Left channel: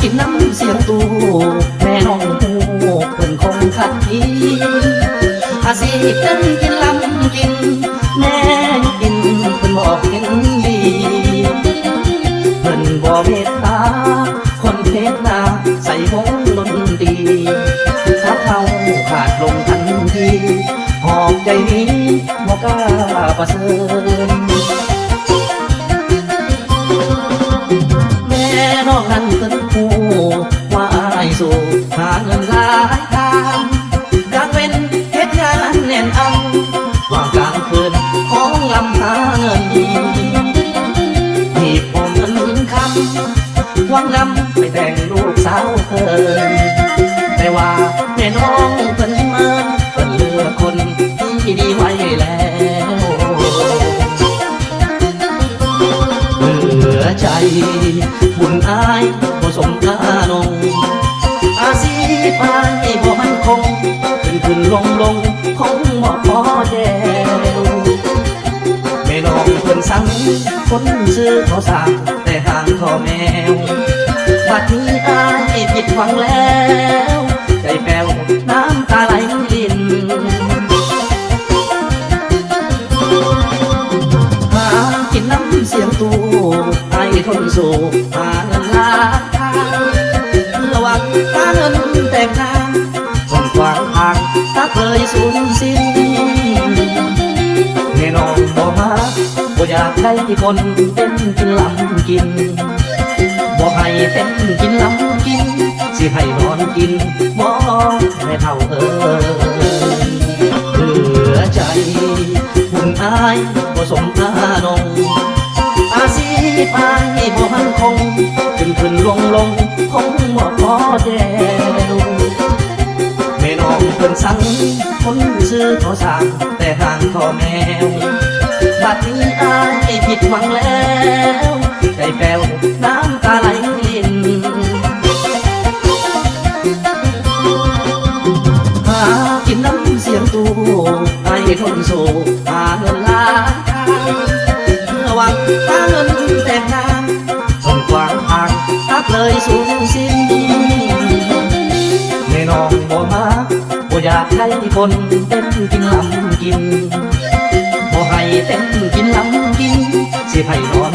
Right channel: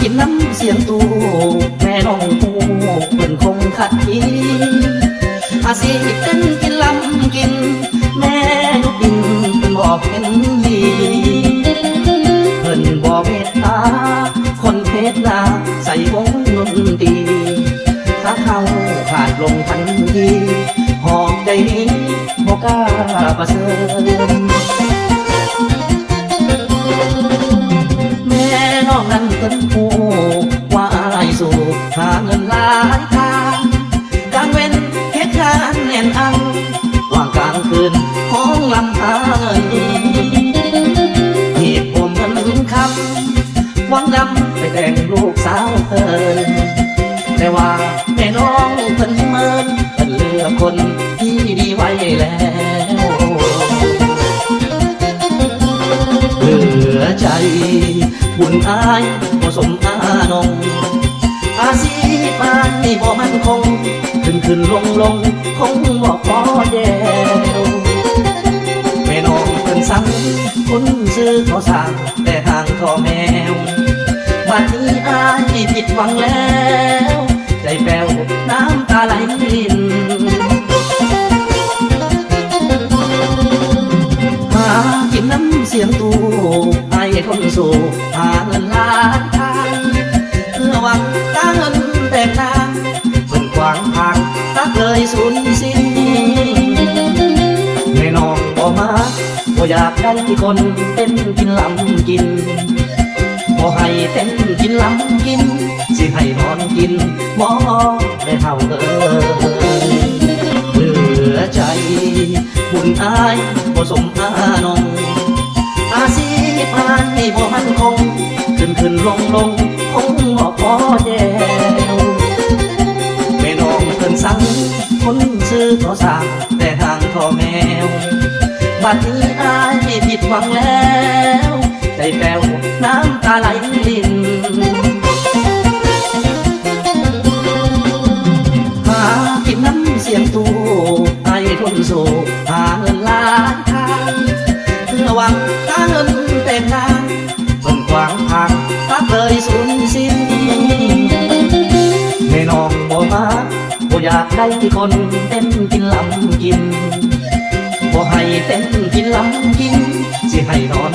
กินน้ำเสียงตูแม่น้องหูมันคงขัดทีอาศัยกันกินลำกินแม่กินเป็นบอกเห็นดีเพิ่นบ่เมตตาคนเพชรนาใส่ของนนดีถ้าเขาขาดลงทันทีหอบใจนี้บ่กล้าประเสริฐหาเงินหลายทางดังเป็นเหตุการณ์แน่นอังว่างกลางคืนของลำหาเงินที่ผมเงินคำหวังนำไปแต่งลูกสาวเพิ่นแต่ว่าแม่น้องเพิ่นมาเพิ่นเลือกคนที่ดีไว้แล้วเหลือใจบุญอายผสมอานงอาศีไปบ่มันคงขึ้นลงคงบ่พอเดียวแม่น้องเพิ่นสั่งคนซื้อเขาสั่งแต่ทางพ่อแมวบัดนี้อายผิดหวังแล้วใจแป้วน้ำตาไหลรินหากินน้ำเสียงตูไอ้คนสู่หาเงินล้านทางระวังตาเงินแตกทางส่งขวางทางตักเลยสูญสิ้นแม่น้องบอกมาบ่อยากได้ที่คนเต้นกินลำกินบ่ให้เต้นกินลำกินสิให้นอนกินบ่ไม่เท่าเหลือใจบุญอายบ่สมอานงอาศีไปบ่มันคงขึ้นลงคงบ่พอแก้วแม่น้องเพิ่นสั่งคนซื้อเขาสั่งแต่ทางพ่อแมวบัดนี้อายผิดหวังแล้วใจแป้วน้ำตาไหลรินหากินน้ำเสียงตูไอ้ทนสู้หาเงินล้านทางระวังตาเงินแตกทางส่งขวางทางตักเลยสูญสิ้นแม่น้องบ่มาบ่อยากได้คนเต้นกินลำกินบ่ให้เต้นกินลำกินสิให้นอน